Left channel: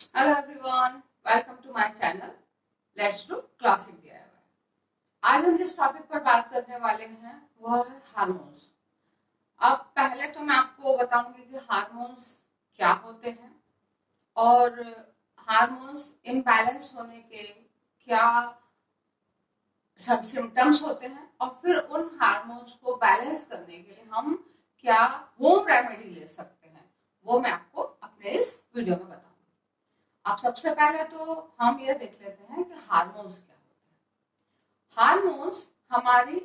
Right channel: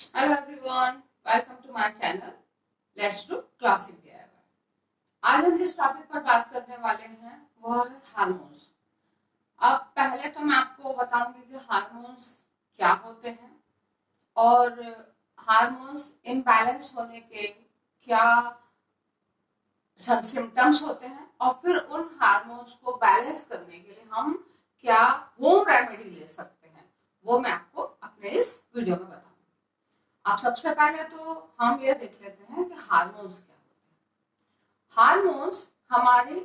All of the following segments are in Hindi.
Hello everyone, welcome to my channel let's do classic DIY। आज हम जिस टॉपिक पर बात करने वाले हैं वह है हार्मोन्स। अब पहले तो मैं आपको बताऊंगी कि हार्मोन्स क्या होते हैं और हार्मोन्स इम्बैलेंस होने के क्या सब सिम्टम्स होते हैं और फिर उन हार्मोन्स को बैलेंस करने के लिए हम क्या होम रेमेडी ले सकते हैं, वो मैं आपको अपने इस वीडियो में बताऊंगी। अब सबसे पहले तो हम ये देख लेते हैं कि हार्मोन्स क्या होते हैं। हार्मोन्स हमारी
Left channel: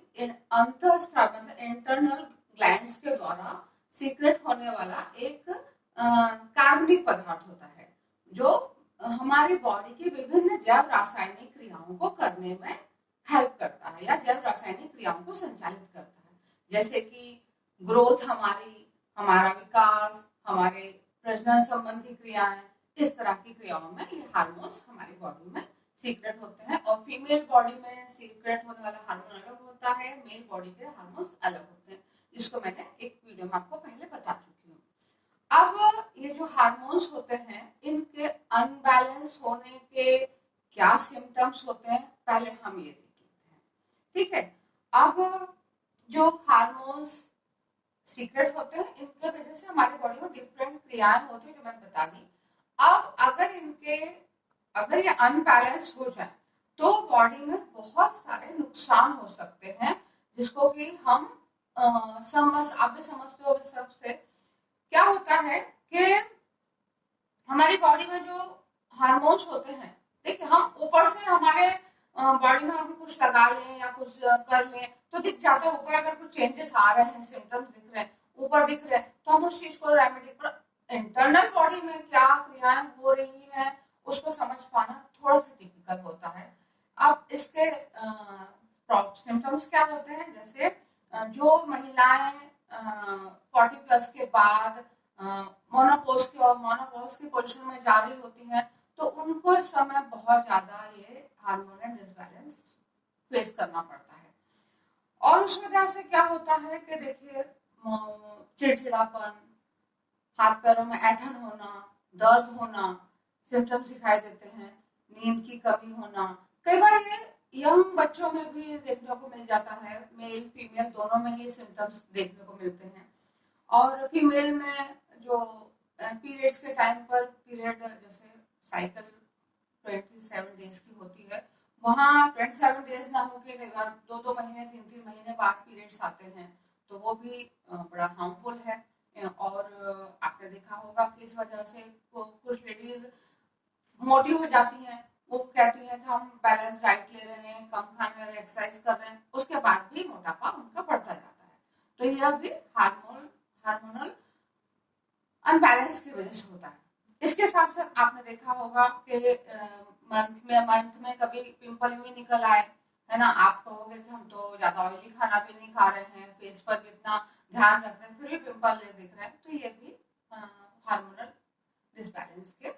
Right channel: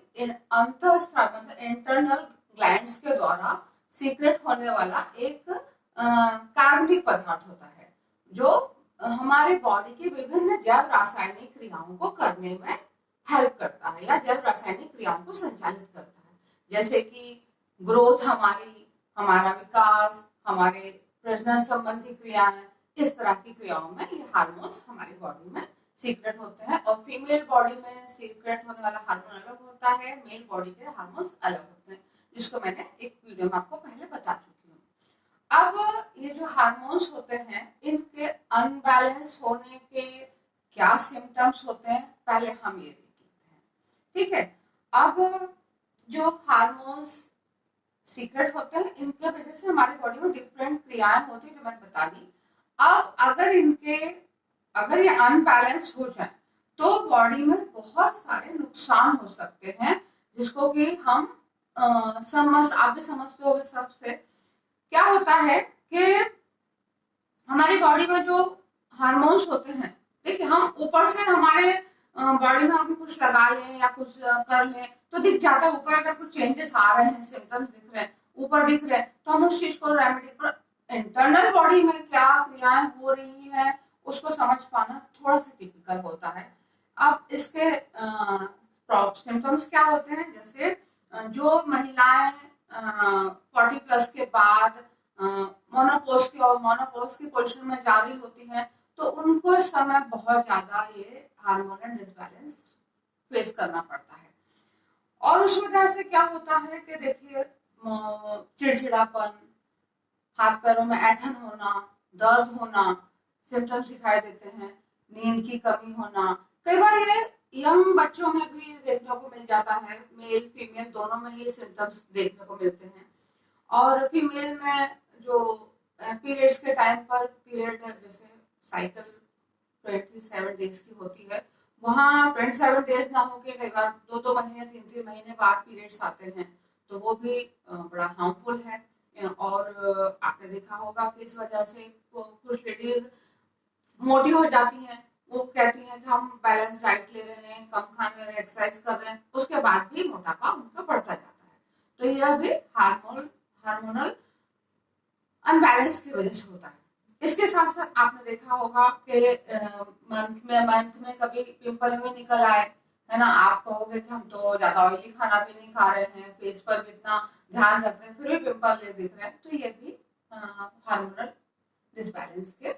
अंतःस्राव मतलब इंटरनल ग्लैंड्स के द्वारा सीक्रेट होने वाला एक कार्बनिक पदार्थ होता है जो हमारी बॉडी की विभिन्न जैव रासायनिक क्रियाओं को करने में हेल्प करता है या जैव रासायनिक क्रियाओं को संचालित करता है, जैसे कि ग्रोथ, हमारा विकास, हमारे प्रजनन संबंधी क्रियाएं, इस तरह की क्रियाओं में ये हार्मोन्स हमारी बॉडी में सीक्रेट होते हैं। और फीमेल बॉडी में सीक्रेट होने वाला हार्मोन अलग होता है, मेल बॉडी के हार्मोन्स अलग होते हैं, जिसको मैंने एक वीडियो में आपको पहले बता चुकी हूँ। अब ये जो हार्मोन्स होते हैं इनके अनबैलेंस होने के क्या सिम्टम्स होते हैं, पहले हम ये देख लेते हैं। ठीक है, अब जो हार्मोन्स सीक्रेट होते हैं इनके वजह से हमारी बॉडी में डिफरेंट क्रियाएं होती है जो मैंने बता दी। अब अगर ये अनबैलेंस हो जाए तो बॉडी में बहुत सारे नुकसान हो सकते हैं, जिसको कि हम आप भी समझते हो। सबसे क्या होता है कि हमारी बॉडी में जो हार्मोन्स होते हैं, देखिए हम ऊपर से हमारे बॉडी में हम कुछ लगा लें या कुछ कर लें तो दिख जाता है। ऊपर अगर कुछ चेंजेस आ रहे हैं, सिम्टम्स दिख रहे हैं, ऊपर दिख रहे हैं, तो हम उस चीज को रेमेडी पर इंटरनल बॉडी में क्या क्रियाएं हो रही है उसको समझ पाना थोड़ा सा टिपिकल होता है। अब इसके सिम्टम्स क्या होते हैं, जैसे जो महिलाएं 40+ के बाद मोनोपोज की पोजीशन में जा रही होती हैं तो उनको इस समय बहुत ज्यादा ये हार्मोनल डिसबैलेंस फेस करना पड़ता है। और उस वजह से क्या होता है कि देखिए चिड़चिड़ापन, हाथ पैरों में ऐंठन होना, दर्द होना, सिम्टम्स दिखाई देते हैं, नींद की कमी होना। कई बार ये यंग बच्चों में भी देखने को मिल जाता है, मेल फीमेल दोनों में ये सिम्टम्स देखने को मिलते हैं। और फीमेल में जो पीरियड्स के टाइम पर पीरियड जैसे साइकिल 27 डेज की होती है, वहाँ 27 डेज ना होके कई बार 2-2 महीने 3-3 महीने बाद पीरियड्स आते हैं, तो वो भी बड़ा हार्मफुल है। और आपने देखा होगा कि इस वजह से कुछ लेडीज मोटी हो जाती हैं, वो कहती हैं कि हम बैलेंस डाइट ले रहे हैं, कम खाने रहे, एक्सरसाइज कर रहे हैं, उसके बाद भी मोटापा उनका बढ़ता जाता है। तो यह भी हार्मोनल अनबैलेंस की वजह से होता है। इसके साथ साथ आपने देखा होगा कि मंथ में कभी पिंपल भी निकल आए, है ना। आप कहोगे कि हम तो ज्यादा ऑयली खाना भी नहीं खा रहे हैं, फेस पर कितना ध्यान रख रहे हैं, फिर भी पिंपल दिख रहे हैं, तो ये भी हार्मोनल डिसबैलेंस के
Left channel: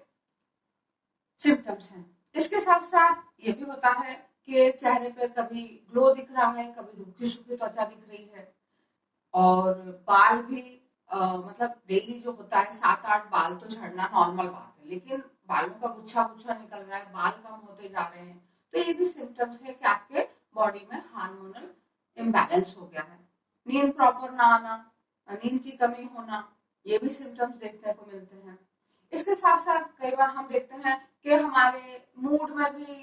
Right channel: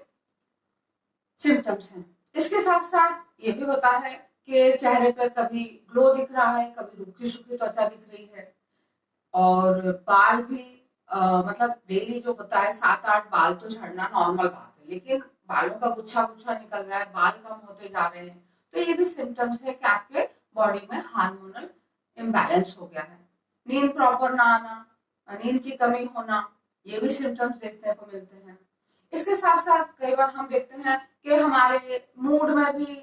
सिम्टम्स हैं। इसके साथ साथ ये भी होता है कि चेहरे पर कभी ग्लो दिख रहा है, कभी रूखी सूखी त्वचा दिख रही है। और बाल भी मतलब डेली जो होता है 7-8 बाल तो झड़ना नॉर्मल बात है, लेकिन बालों का गुच्छा गुच्छा निकल रहा है, बाल कम होते जा रहे हैं, तो ये भी सिम्टम्स है कि आपके बॉडी में हार्मोनल इम्बैलेंस हो गया है। नींद प्रॉपर ना आना, नींद की कमी होना, ये भी सिम्टम्स देखने को मिलते हैं। इसके साथ साथ कई बार हम देखते हैं कि हमारे मूड में भी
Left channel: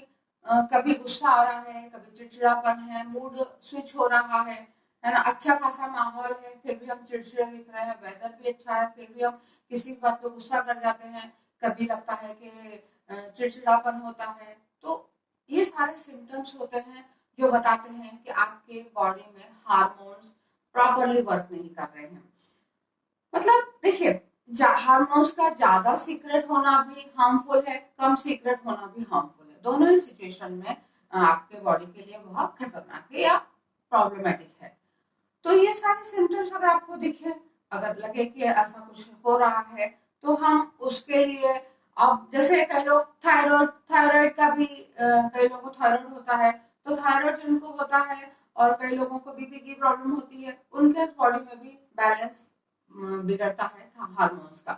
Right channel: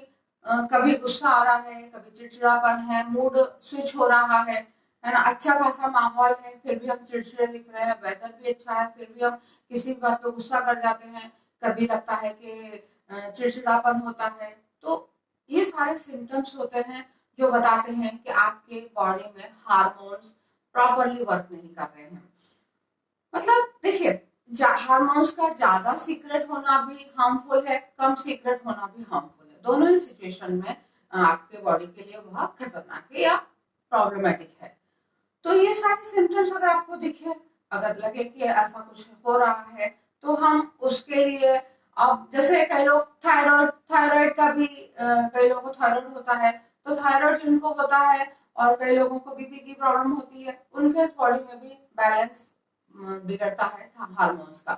कभी गुस्सा आ रहा है, कभी चिड़चिड़ापन है, मूड स्विच हो रहा है ना। अच्छा खासा माहौल है फिर भी हम चिड़चिड़े दिख रहे हैं, वेदर भी अच्छा है फिर भी हम किसी बात पे गुस्सा कर जाते हैं, कभी लगता है कि चिड़चिड़ापन होता है। तो ये सारे सिम्टम्स होते हैं जो बताते हैं कि आपके बॉडी में हार्मोन्स प्रॉपरली वर्क नहीं कर रहे हैं। मतलब देखिए, हार्मोन्स का ज्यादा सीक्रेट होना भी हार्मफुल है, कम सीक्रेट होना भी हार्मफुल है। दोनों ही सिचुएशन में आपके बॉडी के लिए बहुत खतरनाक है या प्रॉब्लमेटिक है। तो ये सारे सिम्टम्स अगर आपको दिखे, अगर लगे कि ऐसा कुछ हो रहा है, तो हम उसके लिए, अब जैसे कई लोग थायराइड का भी कई लोगों को थायराइड होता है, तो थायराइड जिनको होता है और कई लोगों को बीपी की प्रॉब्लम होती है, उनके बॉडी में भी बैलेंस बिगड़ता है हार्मोन्स का।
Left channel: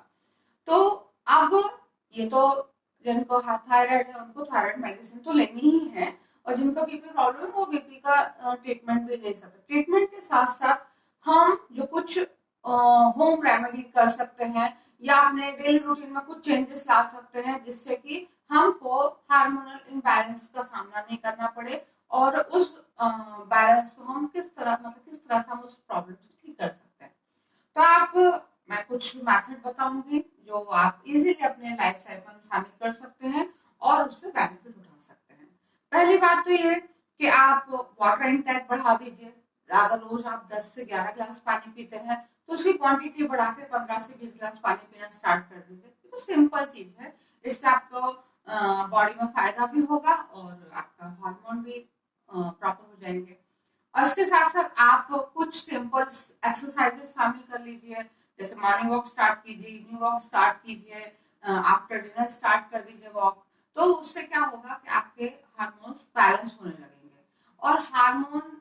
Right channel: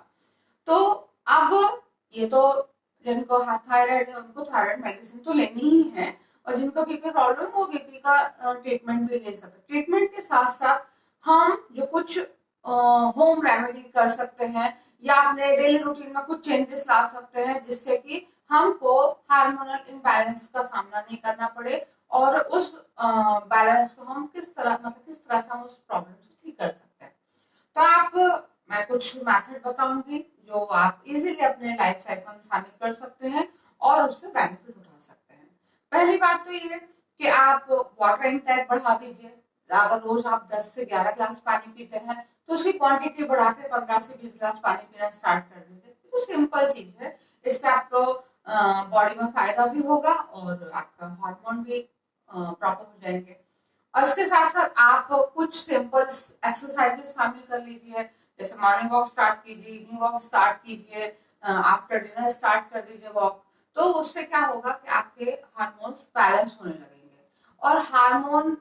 तो अब ये तो जिनको थायराइड है उनको थायराइड मेडिसिन तो लेनी ही है, और जिनको बीपी प्रॉब्लम वो बीपी का ट्रीटमेंट भी ले सकते हैं। ट्रीटमेंट के साथ साथ हम जो कुछ होम रेमेडी कर सकते हैं या अपने डेली रूटीन में कुछ चेंजेस ला सकते हैं जिससे कि हमको हार्मोनल इम्बैलेंस का सामना नहीं करना पड़े, और उस बैलेंस को हम किस तरह से हम उस प्रॉब्लम से ठीक कर सकते हैं। तो मैं कुछ मेथड बताऊंगी जो आप इजीली अपने लाइफ साइकिल में शामिल कर सकते हैं और उससे बेनिफिट उठा सकते हैं। पहली बात तो ये कि आप वाटर इनटेक बढ़ा दीजिए। अगर रोज आप 10 से 11 ग्लास पानी पीते हैं तो उसकी क्वांटिटी बढ़ा के 15 से 20 ग्लास पानी पीना स्टार्ट कर दीजिए। तो सिंपल चीज है, इससे आपको बॉडी में फायदा भी होगा और आपका हार्मोन भी प्रॉपर हो जाएंगे। और इसके साथ साथ आप कुछ सिंपल एक्सरसाइजेस शामिल कर लीजिए, जैसे मॉर्निंग वॉक स्टार्ट कीजिए, इवनिंग वॉक स्टार्ट कीजिए, आफ्टर डिनर स्टार्ट कर दीजिए वॉक। तो उससे क्या होगा कि आपके हार्मोन्स बैलेंस होने लगेंगे। और हार्मोन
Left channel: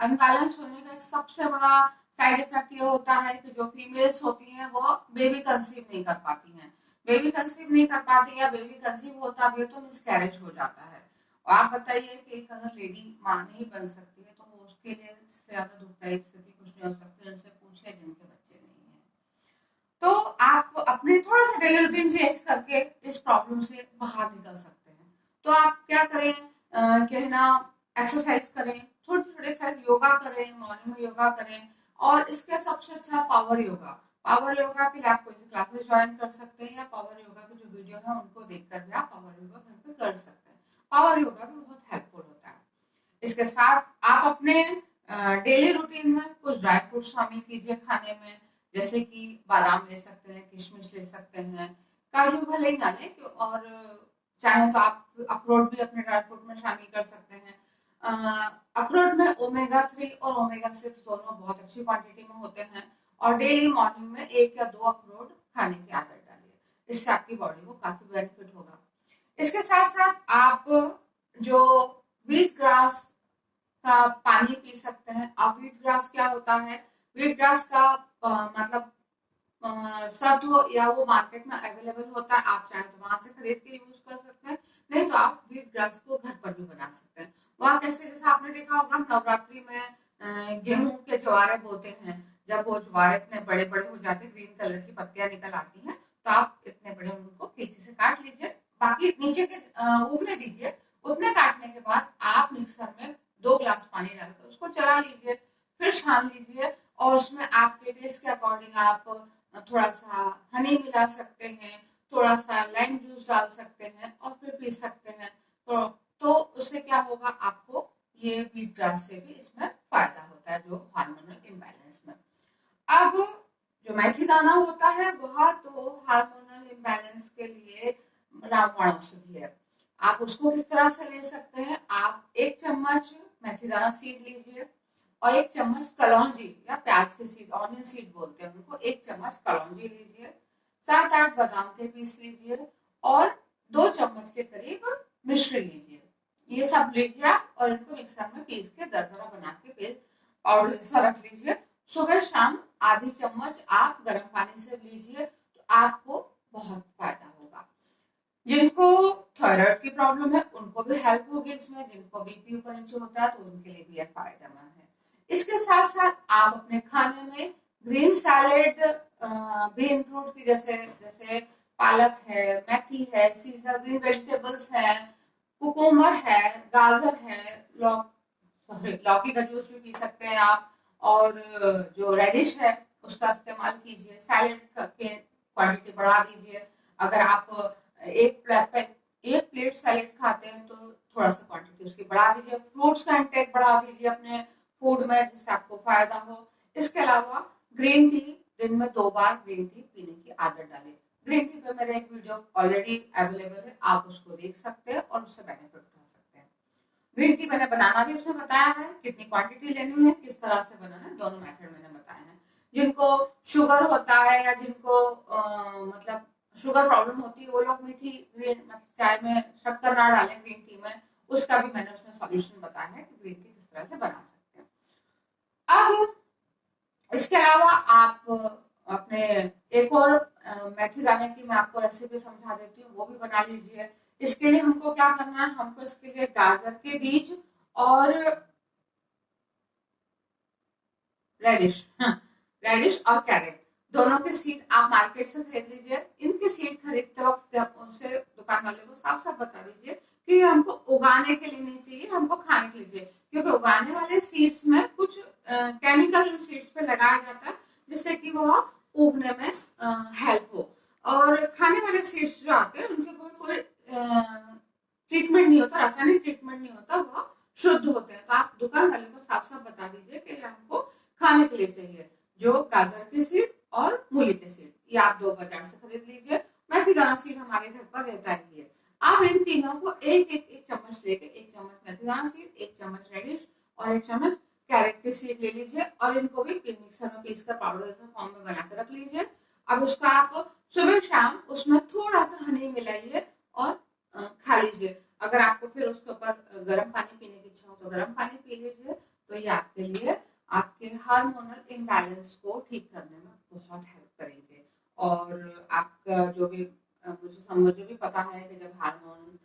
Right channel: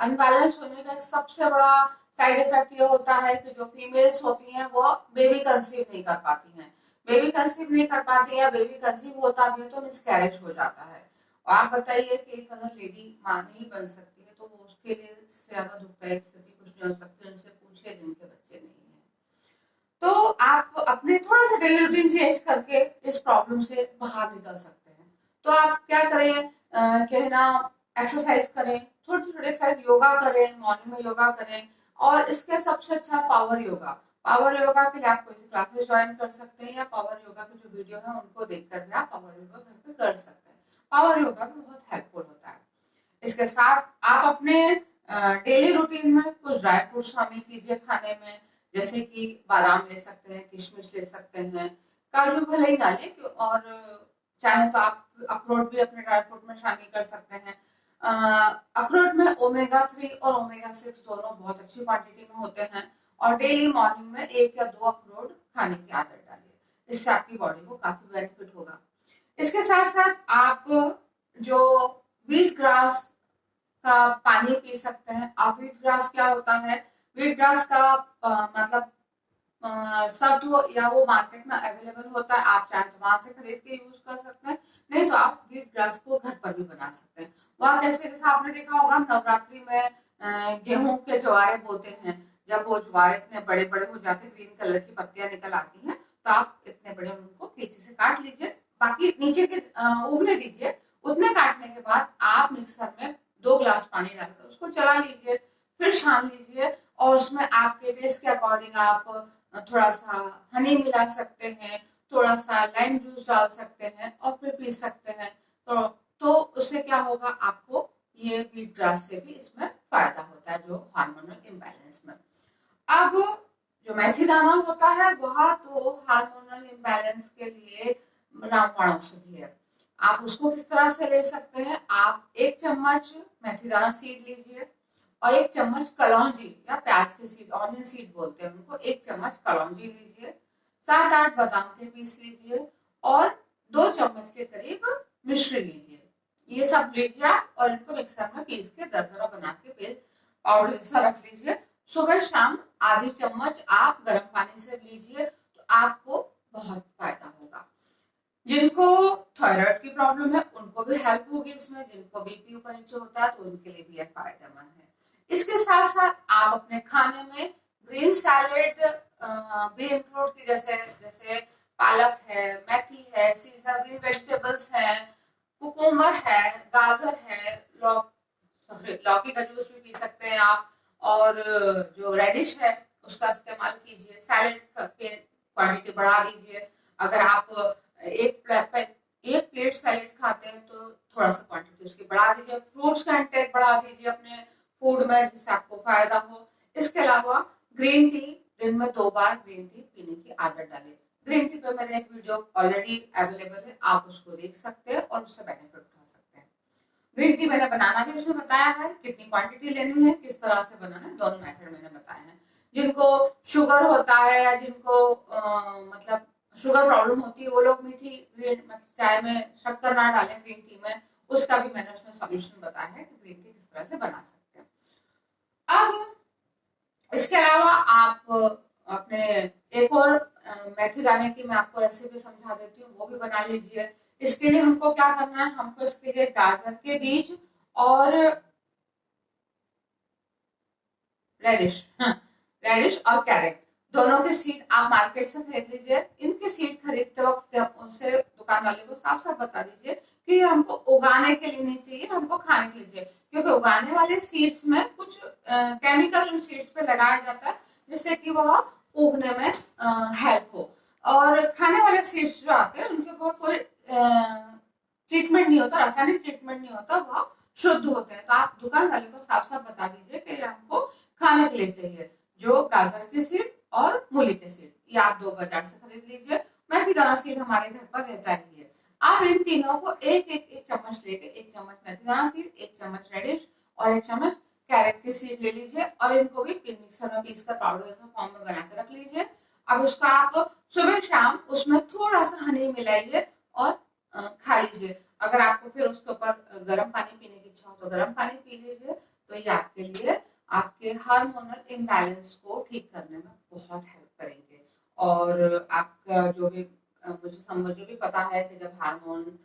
अनबैलेंस होने का सबसे बड़ा साइड इफेक्ट ये होता है कि जो फीमेल्स होती हैं वो बेबी कंसीव नहीं कर पाती हैं। बेबी कंसीव नहीं कर पाती या बेबी कंसीव होता भी तो मिसकैरेज हो जाता है। और आप बताइए कि अगर लेडी मां नहीं बन सकती है तो उसके लिए ज्यादा दुखदायी स्थिति कुछ नहीं हो सकती, उनसे पूछे जिनके बच्चे नहीं है। तो आप अपने थोड़ा सा डेली रूटीन चेंज करके इस प्रॉब्लम से बाहर निकल सकते हैं। तो आप क्या करें, कहना एक्सरसाइज करें, छोटे छोटे एक्सरसाइज, योगा करें, मॉर्निंग में योगा करें। और इसके सबसे अच्छा पावर योगा। पावर योगा के लिए आप कोई क्लासेस ज्वाइन कर सकते हैं या पावर योगा की जो वीडियो है उनको देखकर भी आप पावर योगा घर पे कर सकते हैं। पावर योगा भी बहुत हेल्पफुल होता है। इसके साथ आप अपने डेली रूटीन में कुछ ड्राई फ्रूट शामिल कीजिए खाने में, जैसे कि बादाम ले सकते हैं, किशमिश ले सकते हैं, काजू भले ही डालें, और चाहे तो आप अखरोट भी अपने ड्राई फ्रूट में शामिल कर सकते हैं। अखरोट में ओमेगा 3 और ओमेगा 6 दोनों बहुत अच्छी क्वांटिटी में होते हैं, और डेली मॉर्निंग में 1 या 2 अखरोट खाने की आदत डालिए, इससे आपकी बॉडी को काफी बेनिफिट होगा। इसके साथ साथ आप जो व्हीट ग्रास का पानी पी सकते हैं। आप व्हीट ग्रास क्या होता है, व्हीट ग्रास का मतलब सत्व या वो मार्केट में अवेलेबल होता है, आप चाहे तो वहां से खरीद के यूज कर सकते हैं, नहीं तो आप व्हीट ग्रास को घर पर भी बना सकते हैं। वहां कैसे, जैसे आपने देखा होगा नवरात्रि में गेहूं के ज्वारे बोते हैं, जब वो ज्वारे इतने बड़े बड़े हो जाते हैं, ग्रीन कलर की पत्तियां निकल आती हैं, तो आप इतने बड़े उनको पीछे से काट लीजिए, बाकी नीचे के उगने दीजिए। उतने काटने के बाद आप मिक्सर में 2 ग्लास पानी डालकर उसको चला लीजिए, फिर छान लीजिए, और उसमें आपके टेस्ट के अकॉर्डिंग आप थोड़ा सा हनी मिला सकते हैं, थोड़ा सा लाइम जूस डाल सकते हैं और फिर पी सकते हैं। तो उससे क्या होगा, आपको ये व्हीट ग्रास से भी इसमें फायदा होता है जो हार्मोनल इम्बैलेंस में। अब जो मेथी दाना होता है वह तो हार्मोनल इम्बैलेंस के लिए रामबाण औषधि है। आप उसको किस तरह से ले सकते हैं, आप 1 चम्मच मेथी दाना सीड लीजिए और 1 चम्मच कलौंजी या प्याज की सीड, ऑनियन सीड बोलते हैं उनको, 1 चम्मच कलौंजी लीजिए, 7-8 बादाम के पीस लीजिए और 2 चम्मच के करीब मिश्री लीजिए। ये सब लीजिए और इनको मिक्सर में पीस के दरदरा बना के पेस्ट पाउडर जैसा रख लीजिए। सुबह शाम आधी चम्मच आप गर्म पानी से लीजिए, तो आपको बहुत फायदा होगा। जिनको थायराइड की प्रॉब्लम है उनको भी हेल्प होगी इसमें, जिनको बीपी ऊपर नीचे होता है तो उनके लिए भी फायदेमंद है। इसके साथ साथ आप अपने खाने में ग्रीन सैलेड भी इंक्लूड की, जैसे जैसे पालक है, मेथी है, सीजनल ग्रीन वेजिटेबल्स है, कुकुम्बर है, गाजर है, लौकी का जूस भी पी सकते हैं आप, और जो रेडिश है उसका इस्तेमाल कीजिए, सैलेड के क्वांटिटी बढ़ा दीजिए। अगर आप एक प्लेट सैलेड खाते हैं तो थोड़ा सा क्वांटिटी उसकी बढ़ा दीजिए, फ्रूट्स का इंटेक बढ़ा दीजिए अपने फूड में जिससे आपको फायदा हो। इसके अलावा ग्रीन टी, दिन में 2 बार ग्रीन टी पीने की आदत डालें। ग्रीन टी पे मेरे एक वीडियो ऑलरेडी अवेलेबल है, आप उसको देख सकते हैं और उससे बेनिफिट उठा सकते हैं। ग्रीन टी मैंने बनाना भी उसमें बताया है, कितनी क्वांटिटी लेनी है, किस तरह से बनाना है, दोनों मेथड मैंने बताए हैं। जिनको शुगर होता है या जिनको मतलब शुगर प्रॉब्लम होती है वो लोग मीठी चाय में शक्कर ना डालें ग्रीन टी में, उसका भी मैंने उसमें सॉल्यूशन बताया है कि ग्रीन टी किस तरह से बना सकते हैं। अब इसके अलावा आप अपने एक और मेथी दाने की मैं आपको रेसिपी समझा देती हूँ, वो भी बना लीजिए। इसके लिए हमको क्या करना है, हमको इसके लिए गाजर के बीज और रेडिश, रेडिश और कैरेट दोनों के सीड आप मार्केट से खरीद लीजिए। इनके सीड खरीदते वक्त जब उनसे दुकान वाले को साफ साफ बता दीजिए कि ये हमको उगाने के लिए नहीं चाहिए, हमको खाने के लिए चाहिए, क्योंकि उगाने वाले सीड्स में कुछ केमिकल उन सीड्स पे लगाया जाता है जिससे कि वह उगने में हेल्प हो। और खाने वाले सीड्स जो आते हैं उनके ऊपर कोई ट्रीटमेंट नहीं होता, रासायनिक ट्रीटमेंट नहीं होता, वह शुद्ध होते हैं। तो आप दुकान वाले को साफ साफ बता दीजिए कि हमको खाने के लिए चाहिए। जो गाजर की सीड और मूली के सीड, ये आप 2 बाजार से खरीद लीजिए। मेथी दाना सीड हमारे घर पर रहता ही है। आप इन तीनों को एक चम्मच लेके, 1 चम्मच मेथी दाना सीड, 1 चम्मच रेडिश और 1 चम्मच कैरेट की सीड ले लीजिए और इनको भी मिक्सर में पीस कर पाउडर फॉर्म में बना के रख लीजिए। अब उसको आप सुबह शाम उसमें थोड़ा सा हनी मिलाइए और खा लीजिए। अगर आपको फिर उसके ऊपर गर्म पानी पीने की इच्छा हो तो गर्म पानी पी लीजिए। तो ये आपके लिए आपके हार्मोनल इम्बैलेंस को ठीक करने में बहुत हेल्प करेंगे। और आपका जो भी मुझे भी पता है कि जब हार्मोन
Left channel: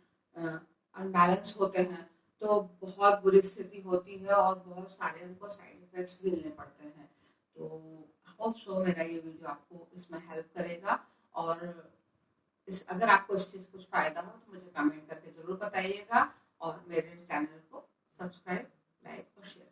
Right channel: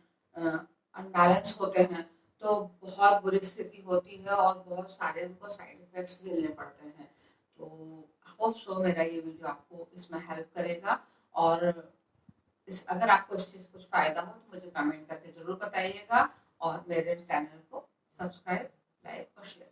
अनबैलेंस होते हैं तो बहुत बुरी स्थिति होती है और बहुत सारे उनको साइड इफेक्ट्स झेलने पड़ते हैं। तो होप सो मेरा ये वीडियो आपको इसमें हेल्प करेगा। और अगर आपको इस चीज कुछ फायदा हो तो मुझे कमेंट करके जरूर बताइएगा और मेरे चैनल को सब्सक्राइब, लाइक और शेयर